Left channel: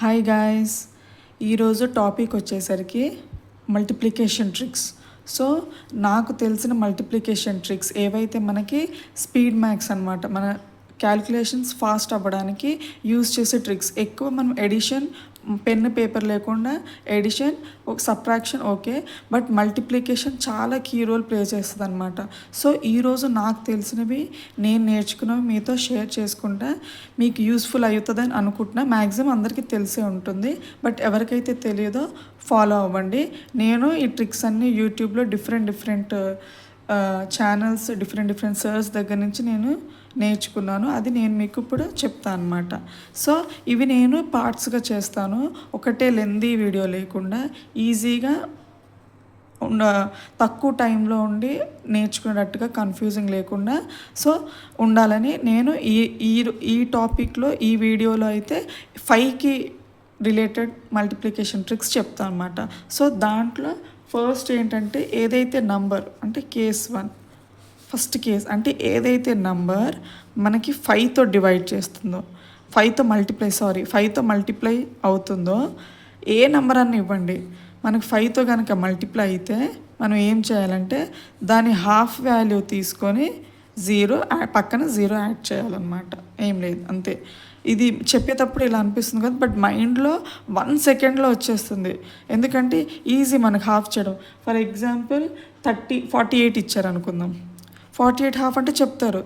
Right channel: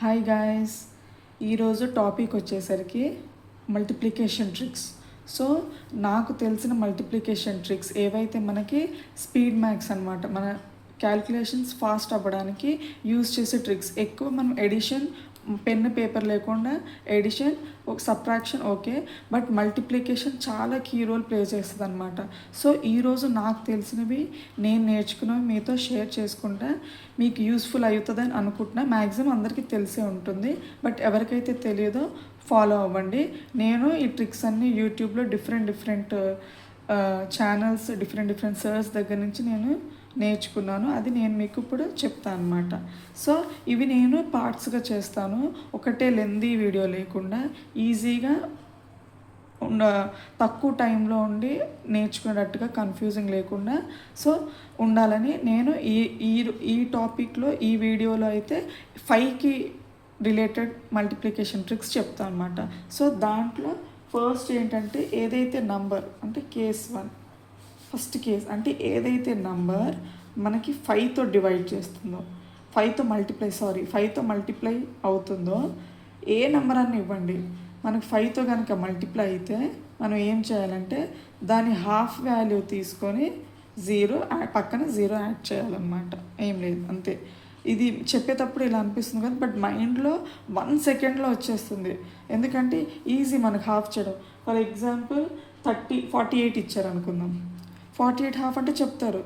Hi guys, ఈరోజు topic వచ్చేసరికి multiplication tricks. So నాకు తెలిసిన మల్టిప్లికేషన్ ట్రిక్స్ ఏవైతే మనకి స్పీడ్ మ్యాథ్స్ అనమాట, మన క్యాలిక్యులేషన్స్ ఫాస్ట్ అవ్వడానికి యూజ్ చేసే ట్రిక్స్. ఎక్కువ మనం ఎడిషన్, పెన్ పేపర్ లేకుండా addition, subtraction okay, but multiplication చాలా కీ రోల్ ప్లే చేస్తుంది అనమాట. సో ఈరోజు నాకు తెలిసినవి, నేను నేర్చుకున్నవి మీతో షేర్ చేసుకుంటా. మీకు యూస్ఫుల్ అవుతుందని అనుకుంటున్నా. మ్యాక్సిమం అందరికీ తెలిసే ఉంటుంది, బట్ ఎవరికైతే తెలియదో ఫాలో అవ్వండి. నేను ఈ ట్రిక్స్ అన్నీ యూట్యూబ్లో డిఫరెంట్ ఛానల్స్, డిఫరెంట్ సర్స్ దగ్గర నుంచి నేను నేర్చుకున్నాను. అది నేను మీకు ఇప్పుడు చెప్తాను అనమాట. సో ఇవి నేను పార్ట్స్గా చేస్తాను, ఒకటే లెందీ వీడియో లేకుండా ఈజీగా తక్కువ టైంలో ఉండి నేర్చుకునేటట్టుగా, కన్ఫ్యూజింగ్ లేకుండా సో ఉండాలని నేను ఈ టాపిక్లో, ఈ వీడియోలో అయితే 5కి రిలేటెడ్ మల్టిప్లికేషన్ ట్రిక్స్ చెప్తాను అనమాట. సో దాంట్లో ఫస్ట్ ఏంటంటే, ఏదైతే నంబర్ అంటే కేస్ 1, ఫస్ట్ కేస్ అంటే ఏదైతే నంబర్ మనకి 5తో డివైడ్ చేస్తుందో, 5తో మల్టిప్లై అవుతుందో, ఏ నెంబర్ అన్న ఇవ్వండి, మనకు 5తో కనుక మల్టిప్లై అయితే మనం ఏం చేయాలంటే దాని హాఫ్ వాల్యూ తీసుకొని పక్కన 0 యాడ్ చేయాలన్నమాట. ఏం లేదు, అంతే. ఇది చెప్పేటప్పుడు ఇలా అనిపిస్తుంది కదా, బట్ మైండ్లో 1 సెకండ్లో వచ్చేస్తుంది. ఎందుకంటే ఈజీ మనకు హాఫ్ చేయడం. ఫర్ ఎగ్జాంపుల్ 48 ఇచ్చారు అనుకుందాం. 48 హాఫ్ అంటే చెప్తారు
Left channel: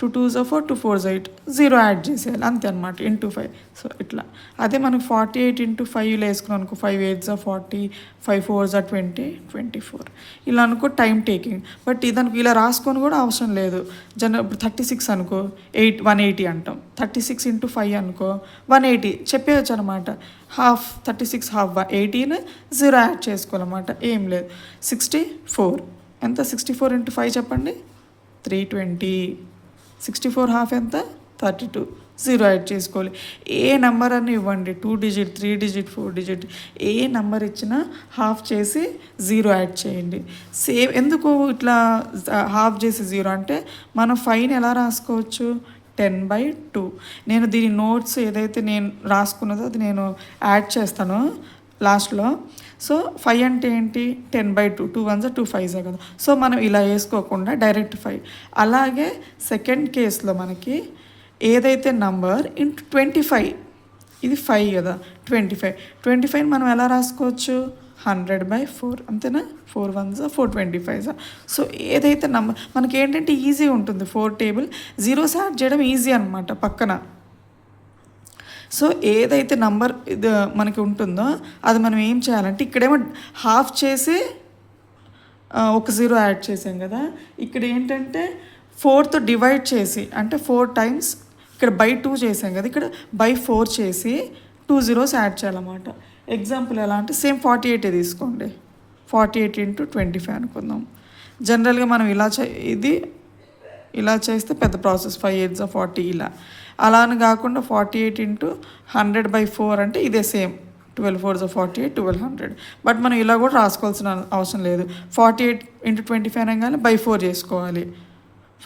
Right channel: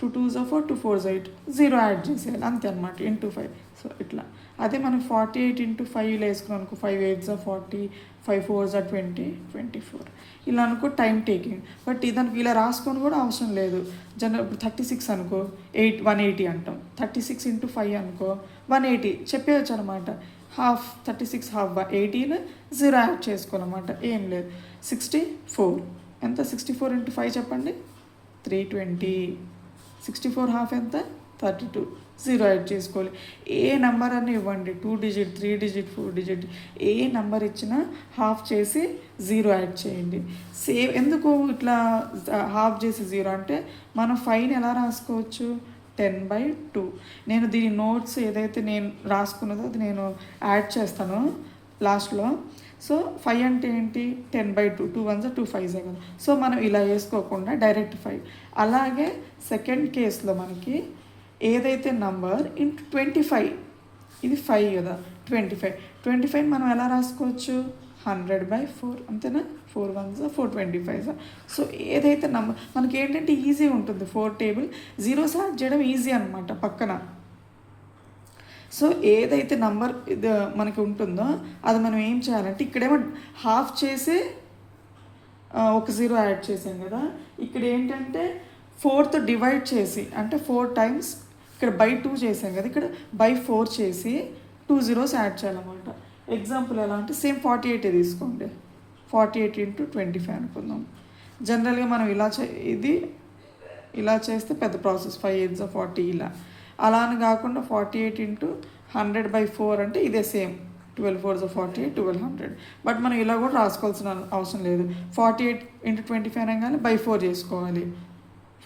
2 2s 4, 2 4s 8, 0 యాడ్ చేసేయాలి, అంతే అనమాట. ఇంటూ 5. సో ఇట్లా. అదే మనకు 48 ఇంటూ 5 వేసుకున్నాం అనుకో, 5 8s 40, 5 4s 20, 24 ఇలా అనుకో, టైం టేకింగ్. బట్ ఇదానికి ఇలా రాసుకొని కూడా అవసరం లేదు. ఇప్పుడు 36 అనుకో, 180 అంటాం. 36 ఇంటూ 5 అనుకో 180 చెప్పేయచ్చు అనమాట. హాఫ్ 36 హాఫ్ 18, 0 యాడ్ చేసుకోవాలన్నమాట. ఏం లేదు. 64 ఎంత? 64 ఇంటూ 5 చెప్పండి, 320. 64 హాఫ్ ఎంత? 32. 0 యాడ్ చేసుకోవాలి. ఏ నెంబర్ అని ఇవ్వండి, 2 డిజిట్, 3 డిజిట్, 4 డిజిట్, ఏ నెంబర్ ఇచ్చినా హాఫ్ చేసి 0 యాడ్ చేయండి. సేమ్. ఎందుకు ఇట్లా హాఫ్ చేసి 0 అంటే, మనం 5ని ఎలా రాసుకోవచ్చు? 10/2. నేను దీని నోట్స్ ఏదైతే నేను రాసుకున్నదో అది నేను యాడ్ చేస్తాను లాస్ట్లో. సో 5 అంటే ఏంటి? 10/2. 2 1s 2 5s కదా. సో మనం ఇలా వేసుకోకుండా డైరెక్ట్ 5. అలాగే సెకండ్ కేసులో మనకి ఏదైతే నంబర్ ఇంటూ 25, ఇది 5 కదా, 25 మనం ఎలా రాసుకోవచ్చు? 100/4, అంతేనా? 4 1s 4 25s. సో ఏదైతే నంబర్ మనకి ఏంటంటే ఈజీ ఉంటుంది, 4 టేబుల్ 0s యాడ్ చేయడం ఈజీ అనమాట పక్కన. సో ఏదైతే నంబర్ ఇది మనకి ఉంటుందో అది మనం ఏం చేయాలంటే, ఇక్కడేమో హాఫ్ చేసి ఒక 0 యాడ్ చేసాం కదా, ఇక్కడ ఏంటంటే 4తో డివైడ్ చేసి, అంటే 4 టైమ్స్ ఇక్కడ by2 చేసాం కదా, ఇక్కడ by4 చేసి 2 zeros యాడ్ చేయాలన్నమాట. ఎగ్జాంపుల్ ఎలా అంటే, సేమ్ 48 తీసుకోండి. 48 ఇంటూ 25 అనుకుందాం. జనరల్గా మనం ఇది ఇలా చేస్తే పెద్ద ప్రాసెస్, 5 8s 40 ఇలా. అలా అని కాకుండా 48 ఇంటూ 100/4 అంటే ఇదే సేమ్, 12 4s 48, 1200. బట్ మనం ఇలా కూడా రాసుకోవాల్సిన అవసరం లేదు. 48 ఇంటూ 25 అనగానే by4 చేసుకోవాలి.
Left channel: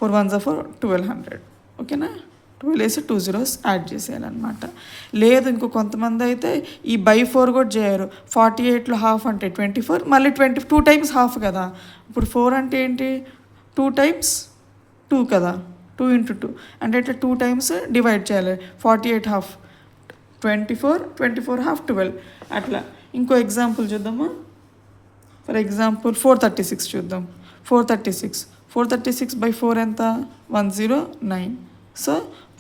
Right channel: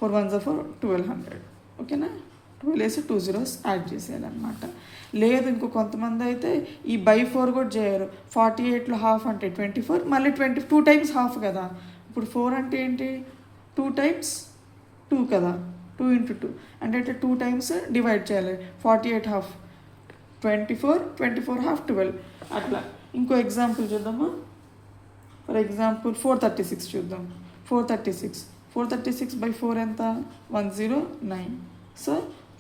4 1s 4, 1200. ఓకేనా? 12 వేసి 2 zeros యాడ్ చేసేయాలన్నమాట. లేదు ఇంకో కొంతమంది అయితే ఈ by4 కూడా చేయరు. 48లో హాఫ్ అంటే 24, మళ్ళీ 2 టైమ్స్ హాఫ్ కదా. ఇప్పుడు 4 అంటే ఏంటి? 2 టైమ్స్ 2 కదా, 2 ఇంటూ 2 అంటే ఇట్లా 2 టైమ్స్ డివైడ్ చేయాలి. 48 హాఫ్ 24 హాఫ్ 12 అట్లా. ఇంకో ఎగ్జాంపుల్ చూద్దామా? ఫర్ ఎగ్జాంపుల్ 436 చూద్దాం. 436/4 ఎంత? 109. సో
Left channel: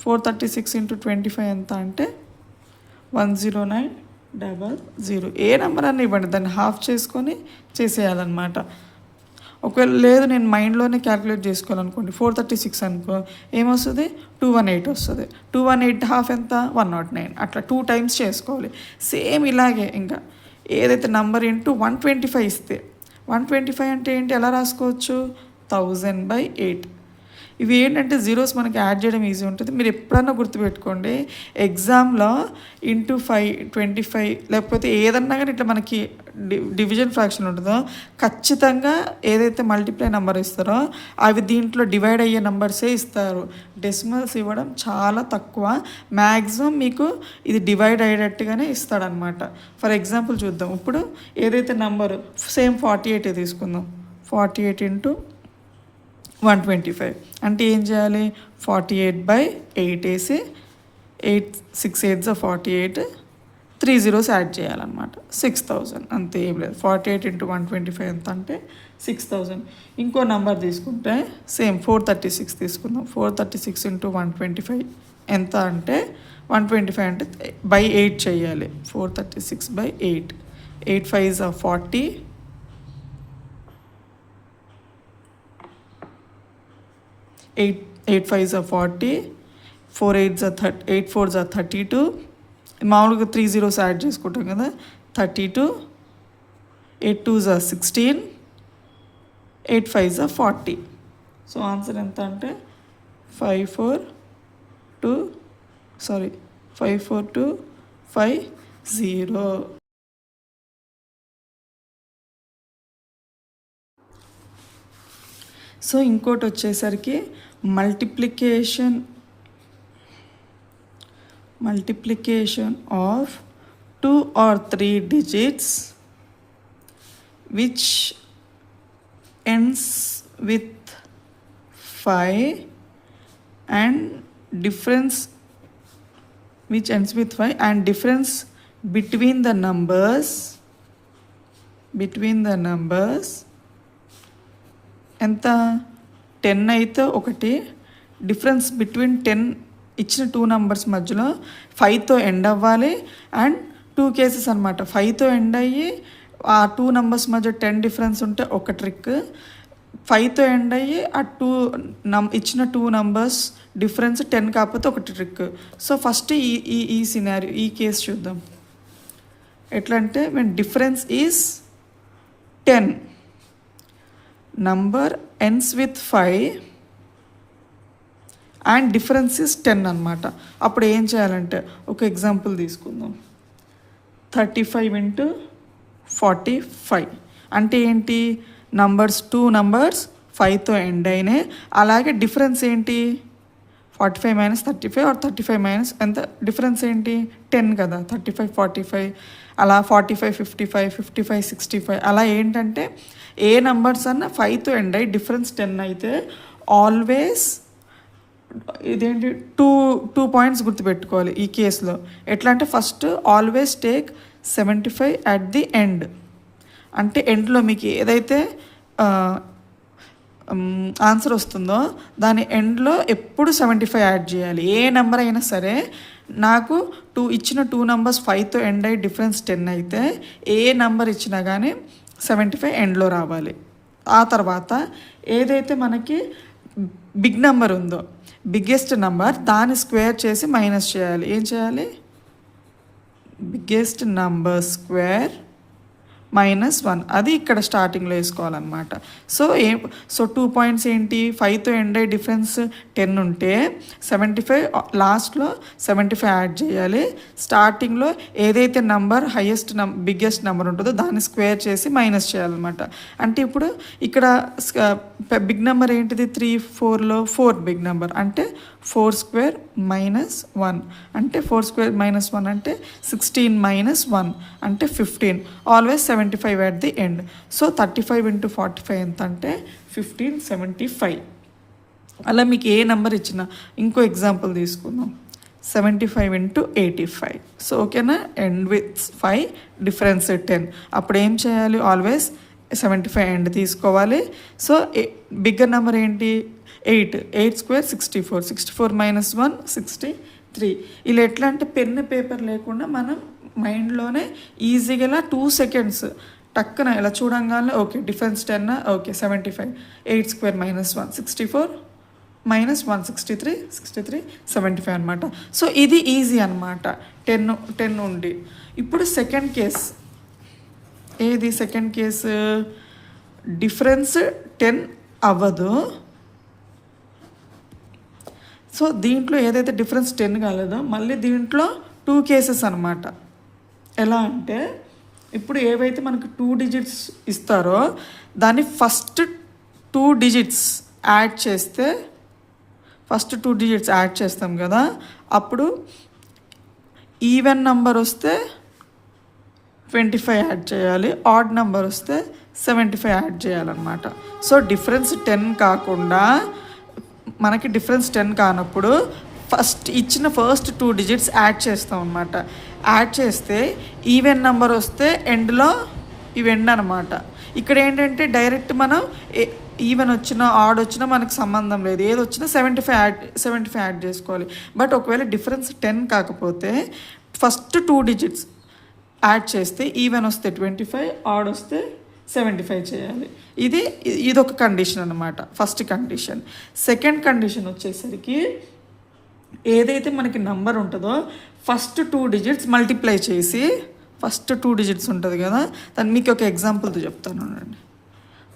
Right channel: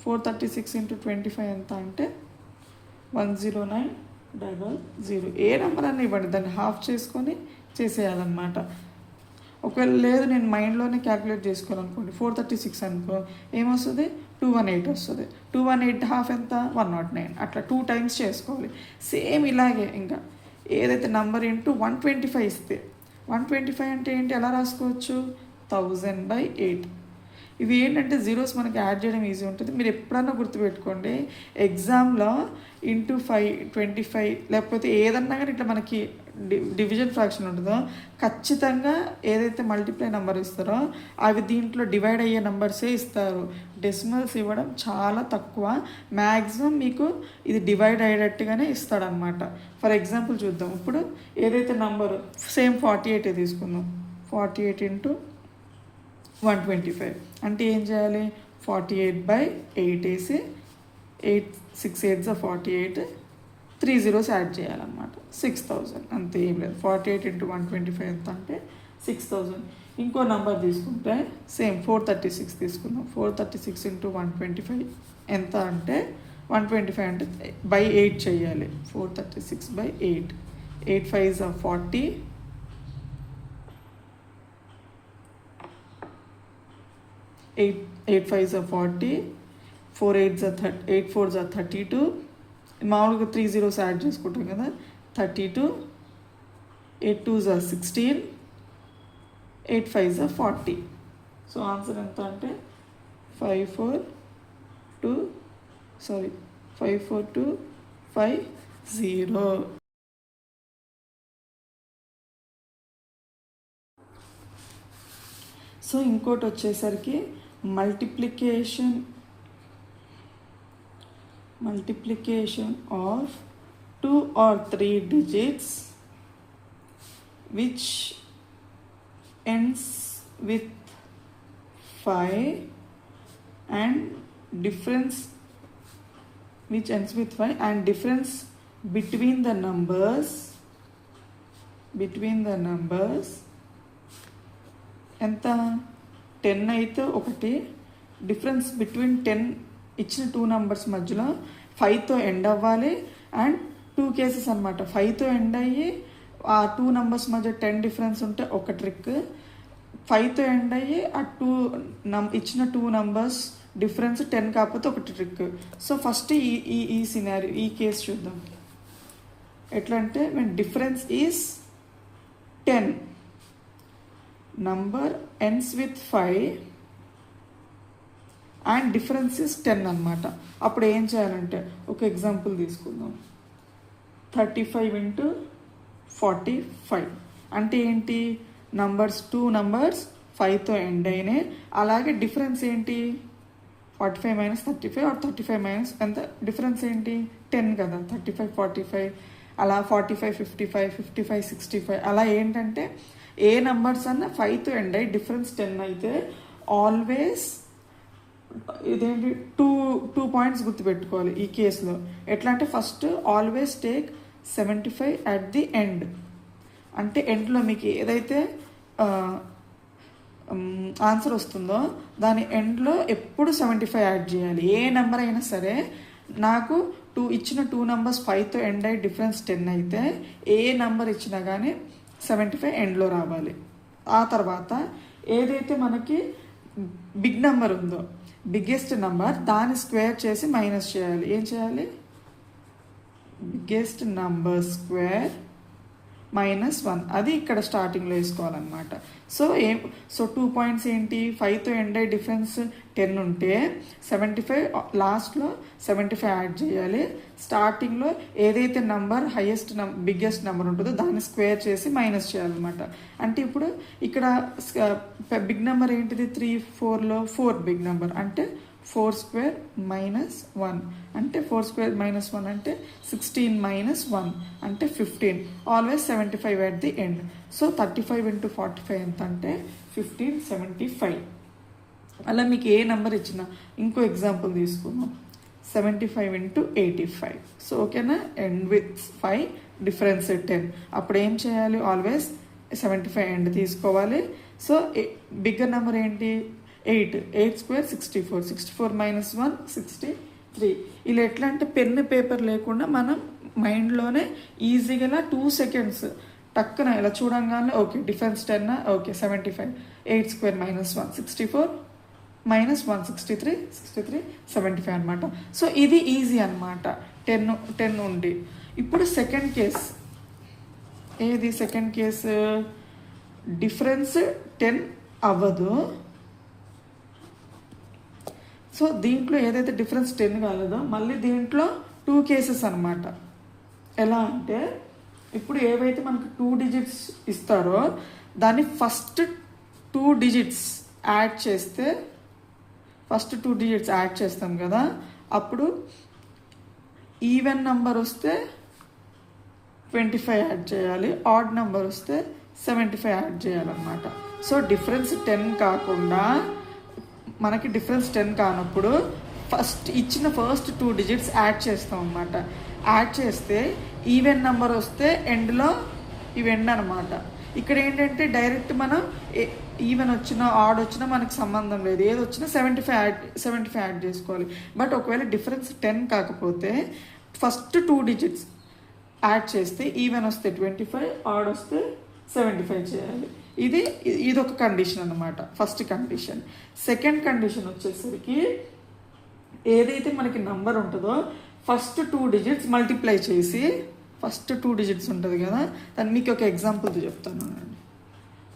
436 ఇంటూ 25 ఎంత అంటే 10900. ఏ నెంబర్ అని ఇవ్వండి, దాన్ని హాఫ్ చేసుకొని చేసేయాలన్నమాట. ఒకవేళ లేదు నేను మైండ్లోనే క్యాలిక్యులేట్ చేసుకోవాలనుకోండి, 436 అనుకో, ఏమొస్తుంది? 218 వస్తుంది. 218 హాఫ్ ఎంత? 109. అట్లా 2 టైమ్స్ చేసుకోవాలి. సేమ్ ఇలాగే ఇంకా ఏదైతే నంబర్ ఇంటూ 125 ఇస్తే, 125 అంటే ఏంటి? ఎలా రాసుకోవచ్చు? 1000/8. ఇవి ఏంటంటే జీరోస్ మనకి యాడ్ చేయడం ఈజీ ఉంటుంది. మీరు ఎప్పుడన్నా గుర్తుపెట్టుకోండి, ఎగ్జామ్లో ఇంటూ 5, 25 లేకపోతే ఏదన్నా కానీ ఇట్లా మనకి డివిజన్ ఫ్రాక్షన్ ఉంటుందో ఖచ్చితంగా ఏదైతే మల్టిప్లై నెంబర్ ఇస్తారో అవి దీంట్లో డివైడ్ అయ్యే నెంబర్సే ఇస్తారు. డెసిమల్స్ ఇవ్వడం చాలా తక్కువ. మ్యాక్సిమం మీకు ఇది డివైడ్ అయ్యేటట్టుగానే ఇస్తాడనమాట. ఫర్ ఎగ్జాంపుల్ చూద్దాం. ఇప్పుడు ఏదైతే నెంబరు సేమ్ 48 తీసుకుందాం. 48 ఇంటూ 125 అంటే ఏం చేయాలి, 48/8 వేసి 6 8 48, 3 zeros యాడ్ చేయాలన్నమాట. 6000 అంతే, ఏం లేదు. 48 ఇంటూ 125 ఎంత అంటే 6000. ఇంకో నెంబర్ తీసుకుంటే సేమ్ 436 తీసుకుందాం. 436 ఇంటూ 125 ఎంత అంటే 125 అంటే బై 8 చేయాలి. 436/8, 8 5s are 40, 8 5s are 40, 4 8s are 30, 8 4s are 32. మామూలుగా 3 zeros యాడ్ చేసుకుంటాం కదా. 32, 8 2s are 16, 8 5s are 40. So answer ఎంత అంటే 54250. సో ఇంకోటి వచ్చేసరికి multiplication of 2 or 3 digits which ends with 5 and difference between the numbers ఎంత 10 అయితే ఒకటి, డిఫరెన్స్ బిట్వీన్ 10 ఇచ్చిన 2 నెంబర్స్ మధ్యలో 5తో ఎండ్ అవ్వాలి. అండ్ 2 కేసెస్ అనమాట. 5తో ఎండ్ అయ్యి ఆ 2 నెంబర్స్ మధ్య 10 డిఫరెన్స్ ఉంటే ఒక ట్రిక్, 5తో ఎండ్ అయ్యి ఆ ఇచ్చిన 2 నెంబర్స్ డిఫరెన్స్ 10 కాకపోతే ఒకటి ట్రిక్. సో ఫస్ట్ ఈ సినారియో, ఈ కేసు చూద్దాం. ఎట్లా అంటే when difference is 10, number ends with 5 and difference is 10 అనమాట. అప్పుడు ఏం చేయాలంటే ఒక ఎగ్జాంపుల్ తీసుకుందాం. 35 ఇంటూ 45 అంటే ఏంటి, నంబర్స్ 2 నంబర్స్ 5తో ఎండ్ అయినాయి. అలాగే డిఫరెన్స్ ఏంటి, 45 మైనస్ 35 ఆర్ 35 మైనస్ ఎంత, డిఫరెన్స్ ఏంటి 10 కదా. 35 45 అలా 45 55 55 65 అలా ఏంటంటే ఏ నంబర్స్ అన్న 5తో ఎండ్ అయ్యి డిఫరెన్స్ 10 అయితే ఆల్వేస్ ఇదేంటి 2 పాయింట్స్ గుర్తుపెట్టుకోవాలి ఈ కేసులో. ఎట్లా అంటే first always take 75 at the end. అంటే ఎండ్లో మీకు ఏదైతే ఆన్సర్ వస్తుందో దాని ఎండ్లో ఎప్పుడు 75 యాడ్ చేయాలి. ఏ నెంబర్ అయినా సరే, నాకు ఇచ్చిన 2 నెంబర్స్ 5తో ఎండ్ అయ్యి డిఫరెన్స్ 10 అయితే ఏ నెంబర్ ఇచ్చినా కానీ 75 ఎండ్లో రావాలి. ఆ తర్వాత ఏదైతే మనకి బిగ్ నెంబర్ ఉందో, బిగ్గెస్ట్ నెంబర్, దాన్ని స్క్వేర్ చేసి మైనస్ చేయాలి. ఏం చేయాలి, బిగ్గెస్ట్ నెంబర్ స్క్వేర్ -1 అది ఇక్కడ స్టార్టింగ్లో వేసుకోవాలన్నమాట. సో 2 పాయింట్స్ ఏంటి, 5తో ఎండ్ అయ్యే డిఫరెన్స్ 10 ఉంటే 75 లాస్ట్లో 75 యాడ్ చేయాలి. స్టార్టింగ్లో ఏదైతే నంబర్ బిగ్గెస్ట్ నెంబర్ ఉంటుందో దాన్ని స్క్వేర్ చేసి మైనస్ చేయాలన్నమాట. అంటే ఇప్పుడు ఇక్కడ బిగ్ నెంబర్ ఏంటిది, 3 4లో 4 బిగ్ నెంబర్ అంటే 4 స్క్వేర్ -1 అంటే 4 స్క్వేర్ -1 అంటే 16 -1 అంటే 15. Always 75 at the end. So 35 into 45 ఎంత అంటే 1575. అలా మీకు ఏ నెంబర్ ఇచ్చినా. ఇంకో ఎగ్జాంపుల్ తీసుకుందాం. 75 ఇంటూ 85. సో ఓకేనా, ఎండ్ విత్ 5 డిఫరెన్స్ 10. అప్పుడు ఏం చేయాలి, ఆల్వేస్ 75 ఎండ్ తీసుకోవాలి. సో బిగ్గర్ నెంబర్ ఏంటి, 8 స్క్వేర్ 64, 64 -1 63. ఇలా ఎట్లా అంటే పెన్ పేపర్ లేకుండా మనం మైండ్లోనే ఈజీగా ఇలా 2 సెకండ్స్ టక్కున ఇలా చూడంగానే ఓకే డిఫరెన్స్ 10, ఓకే 75, 8 స్క్వేర్ -1 64 -1 63 75 అనమాట. సో ఇది ఈజీ అనమాట 10 ఉండి. ఇప్పుడు సెకండ్ కేస్, ఏది సెకండ్ కేసు, డిఫరెన్స్ 10 అవ్వదు సో దీంట్లో ఏదైతే డిఫరెన్స్ 10 కాలేదో మళ్ళీ దీంట్లో 2 కేసెస్ అనమాట. ఎలా అంటే ఇప్పుడు ఏవైతే మనకు 2 డిజిట్స్ ఇస్తారో దాన్ని ఫస్ట్ 2 డిజిట్స్ యాడ్ చేస్తే, ఫస్ట్ 2 డిజిట్స్ యాడ్ చేస్తాం కదా, అప్పుడు ఈవెన్ నెంబర్ వస్తే 25 యాడ్ చేయాలి, ఆడ్ నెంబర్ వస్తే 75 యాడ్ చేయాలన్నమాట. సో డిఫరెన్స్ 10 కాకుండా మనకి డిఫరెన్స్ 10 కానప్పుడు ఇచ్చిన ఫస్ట్ 2 డిజిట్స్ యాడ్ చేస్తాం అన్నమాట. యాడ్ చేస్తే ఈవెన్ నెంబర్ వస్తే ఎండ్లో ఇవి ఎండ్ అనమాట. ఇక్కడ ఏంటంటే డైరెక్ట్ మనం ఈవెన్ వచ్చినా ఆడ్ వచ్చినా మనకు సంబంధం లేదు, ఏది వచ్చినా 75 యాడ్ చేసుకోవాలి. బట్ ఒకవేళ డిఫరెన్స్ 10 కాకపోతే ఫస్ట్ 2 డిజిట్స్ యాడ్ చేస్తే ఈవెన్ వస్తే 25, ఆడ్ వస్తే 75 చేయాలి. ఇదొక కండిషన్ అనమాట, ఫస్ట్ కండిషన్. సెకండ్ కండిషన్ వచ్చేసరికి ఏదైతే మనకి నంబర్ ఉంటుందో ఫస్ట్ 2 డిజిట్స్ మల్టిప్లై చేసి, ఫస్ట్ 2 డిజిట్స్ ఉంటుంది కదా, దాన్ని మీకు ఒక ఎగ్జాంపుల్తో చెప్తాను అండి.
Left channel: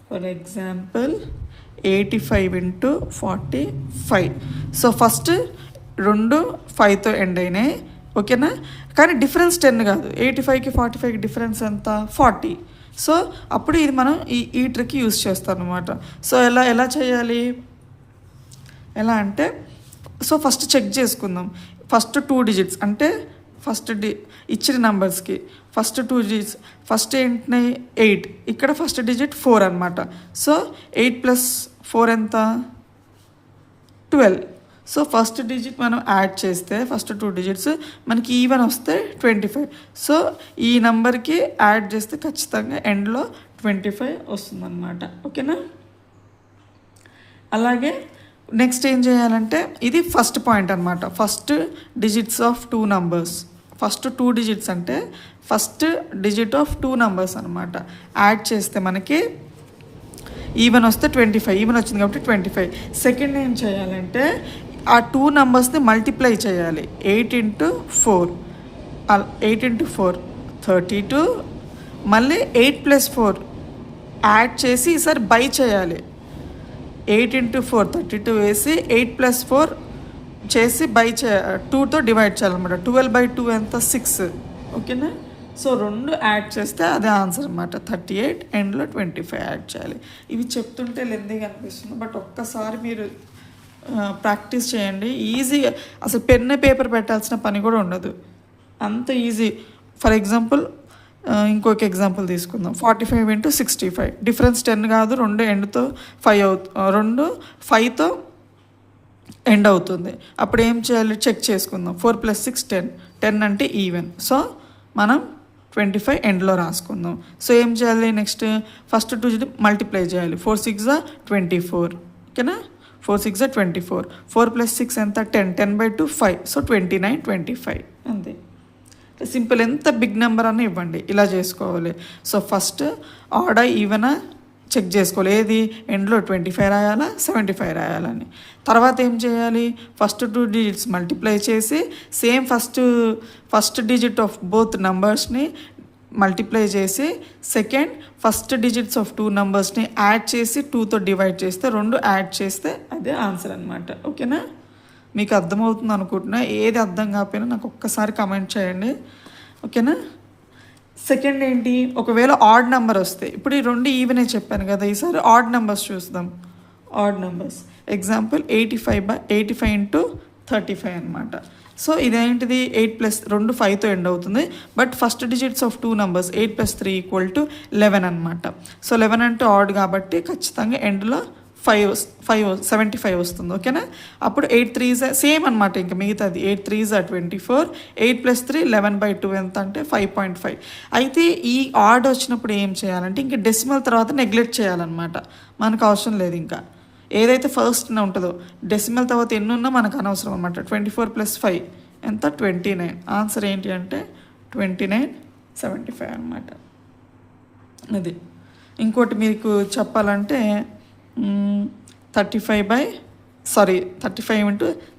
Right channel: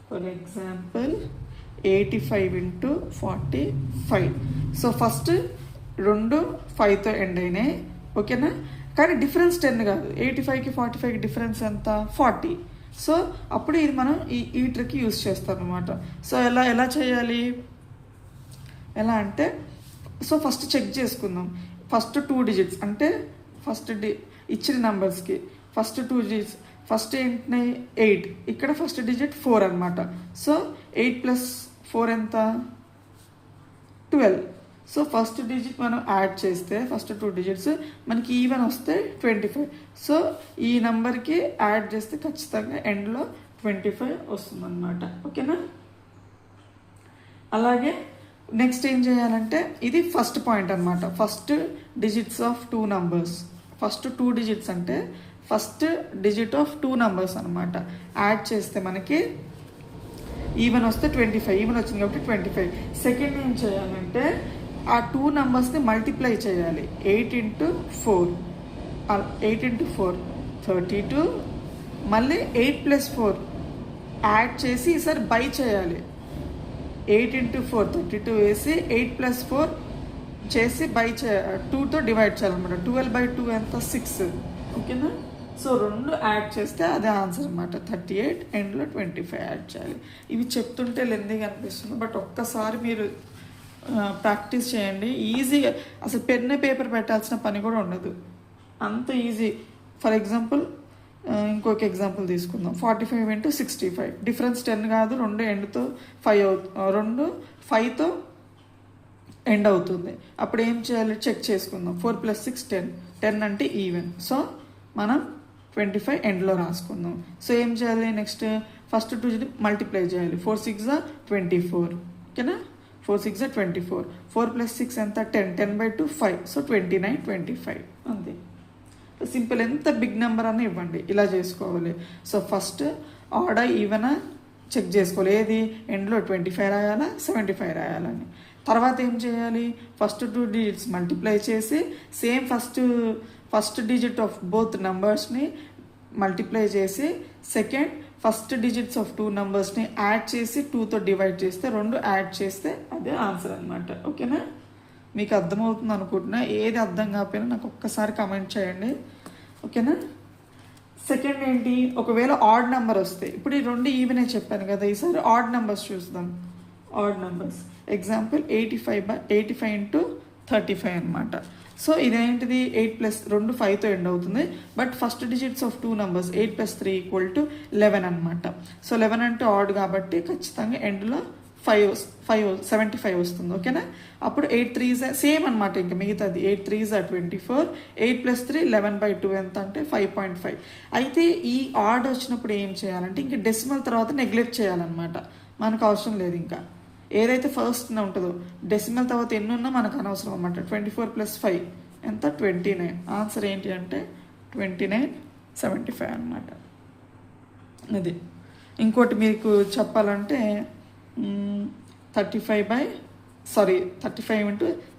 For example 85 × 45. సో ఫస్ట్ 2 5తో ఎండ్ అయినాయి, ఓకేనా. కానీ డిఫరెన్స్ 10 కాదు, 85కి 45కి డిఫరెన్స్ ఎంత, 40. సో అప్పుడు ఇది మనం ఈ ట్రిక్ యూజ్ చేస్తాం అనమాట. సో ఎలా చేయాలి, ఎలా అంటే సో ఫస్ట్ చెక్ చేసుకుందాం. ఫస్ట్ 2 డిజిట్స్ అంటే ఫస్ట్ ఇచ్చిన నెంబర్స్కి ఫస్ట్ 2 డిజిట్స్, ఫస్ట్ ఏంటి 8, ఇక్కడ ఫస్ట్ డిజిట్ 4 అనమాట. సో 8 + 4 ఎంత, 12. సో ఫస్ట్ డిజిట్ మనం యాడ్ చేస్తే ఫస్ట్ 2 డిజిట్స్ మనకి ఈవెన్ వస్తే 25. సో ఈ నెంబర్కి యాడ్ చేస్తే ఖచ్చితంగా ఎండ్లో 25 వస్తుందన్నమాట, ఓకేనా. అలాగే నెక్స్ట్ ఏం చేయాలంటే ఇది ఫస్ట్ పాయింట్ అనమాట, first digits of 2 numbers. First 2 digits అంటే ఫస్ట్ డిజిట్ ఆఫ్ 2 నంబర్స్ అనమాట. యాడ్ చేస్తే మనకి ఈవెన్ వస్తే 25, ఈవెన్ వచ్చింది కాబట్టి 25. సెకండ్ ఏం చేయాలంటే ఆ 2 నెంబర్స్ని మల్టిప్లై చేయాలి. 8 × 4 32, మళ్ళీ 8 + 4 యాడ్ చేసి ఈసారి బై చేయాలి. 8 × 4 32 వేసి 8 + 4 చేసి బై 2తో డివైడ్ చేయాలన్నమాట. 12/2 ఎంత, 6, ఓకేనా. సో 2 యాడ్ చేస్తే అదే ఆన్సర్ అనమాట, 38. ఎండ్లో 25 యాడ్ చేయాలి. ఇవి చెప్తుంటే లెందీగా అనిపిస్తుంది, బట్ ఒక్కసారి మీరు ప్రాక్టీస్ చేయండి. ఈజీగా, అసలు పెన్ పేపర్ పెట్టాల్సిన పని కూడా ఉండదు, అంత ఈజీ. ఫర్ ఎగ్జాంపుల్ ఇంకొక ఎగ్జాంపుల్ తీసుకుందాం. 45 × 65. డిఫరెన్స్ 10 కాదు, 2 ఎండ్తో 5 2 5తో ఎండ్ అవుతుంది. అప్పుడు ఏం చేయాలి, చెక్ చేసుకుందాం. 4 + 6 10 అంటే ఈవెన్. సో మనం 25 ఎండ్లో రాసుకుందాం. సో ఏం చేయాలి, నెక్స్ట్ ఫస్ట్ 2 డిజిట్ మల్టిప్లై చేయాలి. 4 × 6 = 24, ఓకేనా. 4 × 6 = 24. 4 + 6 ఎంత, 10. 10/2 5. సో 29 25 అంతే. సింపుల్. ఎంత బిగ్ నెంబర్ అని ఇవ్వండి, ఇలా చేసుకోవాలి. సో ఫస్ట్ ఆడా ఈవెనా చెక్ చేసుకోవాలి, ఏది ఎండ్లో 25 రాయాలా 75 రాయాలని. తర్వాత ఏం చేయాలి, ఫస్ట్ 2 డిజిట్స్ మల్టిప్లై చేసి same first digit of both నంబర్స్ని మల్టిప్లై చేసి సెకండ్ ఫస్ట్ డిజిట్స్ ఆఫ్ 2 నంబర్స్ని యాడ్ చేసి 2తో డివైడ్ చేస్తే 2 యాడ్ చేస్తే అదే ఆన్సర్ అనమాట, ఓకేనా. మీకు అర్థమవుతుంది అనుకుంటున్నా. ఏది అర్థం కాకపోయినా నాకు ఒక్కసారి కమెంట్ చేయండి, ఓకేనా. సెకండ్ ఏంటి, ఒకవేళ ఆడ్ నెంబర్ వస్తే, ఇప్పుడు ఈ 2 ఈవెనే చెప్పాను కదా, ఈసారి ఆడ్ నెంబర్స్ చూద్దాం. ఆడ్ నెంబర్స్ ఎగ్జాంపుల్ 85 × 35 అనమాట. సో ఇదేంటిది, 8 + 2 5తో ఎండ్ అవుతుంది. But first digits of 2 numbers 8 + 3 = 11 అనమాట. సో 11 అంటే ఆడ్ కాబట్టి ఖచ్చితంగా ఎండ్లో 75 వస్తుంది, ఓకేనా. అప్పుడు 8 3s సేమ్ అనమాట, ఇంకా మిగతాది 8 3s = 24. 8 + 3 11/2 ఎంత అంటే 5.5. అయితే ఈ ఆడ్ వచ్చినప్పుడు ఏం చేయాలంటే ఇంకా డెసిమల్ తర్వాత నెగ్లెక్ట్ చేయాలన్నమాట, మనకు అవసరం లేదు. ఇంకా ఏదైతే ఫస్ట్ ఉంటుందో డెసిమల్ తర్వాత ఎన్ని ఉన్నా మనకు అనవసరం అనమాట. 24 + 5 ఎంత, 29. ఆన్సర్ ఏంటి అంటే 2975 అనమాట. అది ఇంకోటి మీకు చెప్పాలంటే 35 ×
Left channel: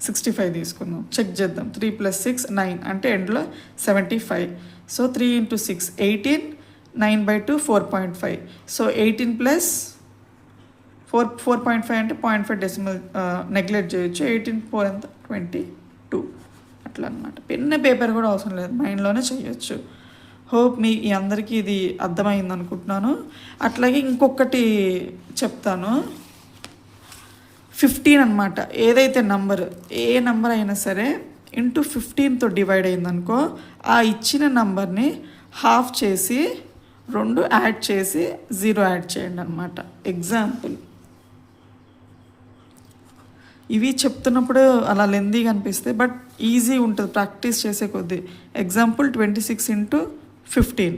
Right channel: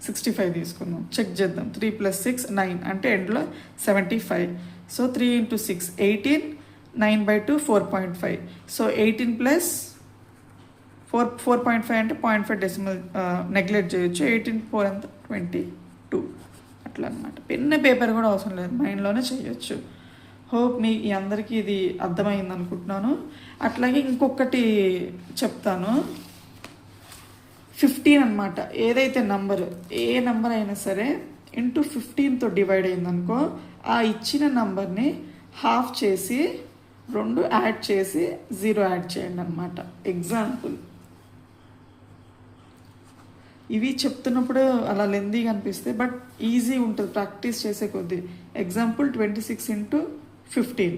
65 తీసుకుందాం, చెక్ చేద్దాం. 3 + 6 9 అంటే ఎండ్లో 75. సో 3 × 6 18, 9/2 4.5. సో 18 + 4.5 అంటే 0.5 డెసిమల్ నెగ్లెక్ట్ చేయొచ్చు. 18/4 ఎంత 22 అట్లా అనమాట. పెన్ పేపర్ కూడా అవసరం లేదు, మైండ్లోనే చేయొచ్చు. హోప్ మీ అందరికీ ఇది అర్థమైంది అనుకుంటున్నాను. అట్లాగే ఇంకొకటి చెప్తాను. 15 అనమాట. ఏదైతే ఏ నంబర్ అయినా సరే ఇంటూ 15తో డివైడ్ అయిందనుకో, ఆ ఇచ్చిన నంబర్ని హాఫ్ చేసి 2 యాడ్ చేసి 0 యాడ్ చేయండి అనమాట. ఎగ్జాంపుల్ ఇవి చెప్తున్నప్పుడు అలా లెందీగా అనిపిస్తాయి, బట్ ఈజీ ఉంటుంది ప్రాక్టీస్ చేసే కొద్దీ. ఎగ్జాంపుల్ 26 × 15.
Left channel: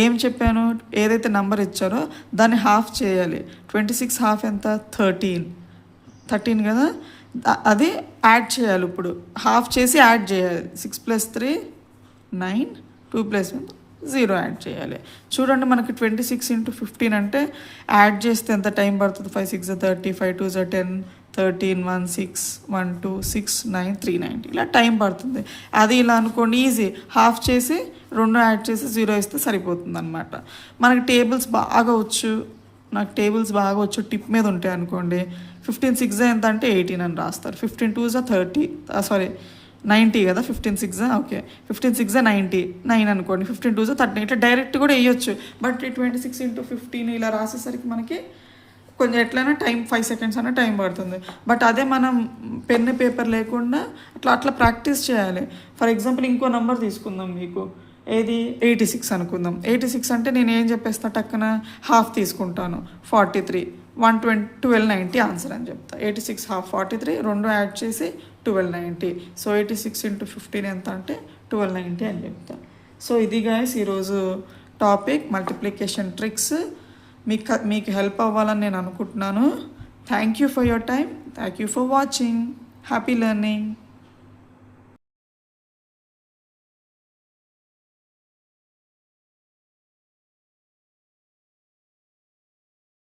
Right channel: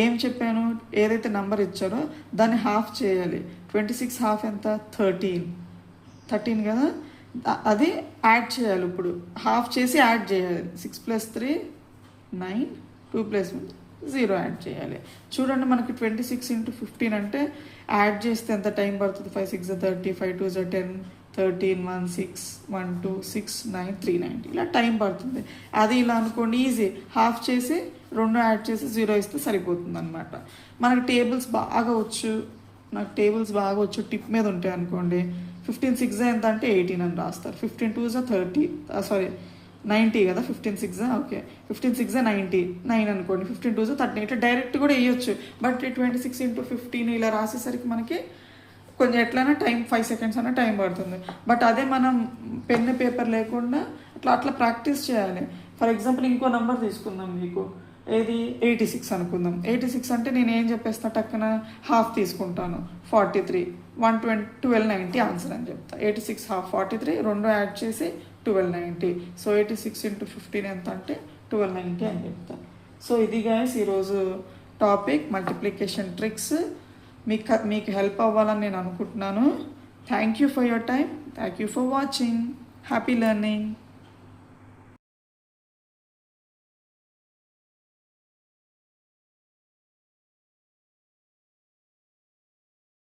ఏం చెప్పాను, ఏదైతే నెంబర్ ఇచ్చారో దాన్ని హాఫ్ చేయాలి. 26 హాఫ్ ఎంత 13 కదా, అది యాడ్ చేయాలి. ఇప్పుడు హాఫ్ చేసి యాడ్ చేయాలి. 6 + 3 9, 2 + 1 0 యాడ్ చేయాలి. చూడండి మనకి 26 × 15 అంటే యాడ్ చేస్తే ఎంత టైం పడుతుంది. 5 6 30, 5 2 10, 13 1 6 1 2 6 9 390 ఇలా టైం పడుతుంది. అది ఇలా అనుకోండి, ఈజీ. హాఫ్ చేసి 2 యాడ్ చేసి 0 ఇస్తే సరిపోతుంది అనమాట. మనకి టేబుల్స్ బాగా వచ్చు, నాకు టేబుల్స్ బాగా వచ్చు, టిప్ మీద ఉంటాయి అనుకోండి. 15 6 ఎంత అంటే 18 అని రాస్తారు. 15 2 30 90 కదా, 15 6 ఓకే, 15 6 90 9 అనుకోండి. 15 2 30 ఇట్లా డైరెక్ట్ కూడా వేయొచ్చు. బట్ 26 × 15 ఇలా రాసేసరికి మనకి కొంచెం ఎట్లయినా టైం 5 సెకండ్స్ అనే టైం పడుతుంది. బట్ అదే మనం పెన్ పేపర్ లేకుండా అట్లా ప్రాక్టీస్ చేయాలి. ఫర్ ఎగ్జాంపుల్ ఇంకో నెంబర్ తీసుకుందాం, మీకు ఏది 86 అనుకుందాం. 86 అంటే నేను ఏం చెప్పేస్తా, టక్కున హాఫ్ తీసుకుంటాను 43, 1290 ఆన్సర్ అని చెప్తా. 86 హాఫ్ 43, 2 యాడ్ చేసి 1290. సో 86 × 15 ఎంత అంటే 1290 అని చెప్తాను. సో ఇది గైస్ ఈరోజు టాపిక్ మల్టిప్లికేషన్ ట్రిక్స్. మీకు హెల్ప్ అవ్వాలని నేను అనుకుంటున్నాను. Thank you for your time. Thank you for watching. Happy learning.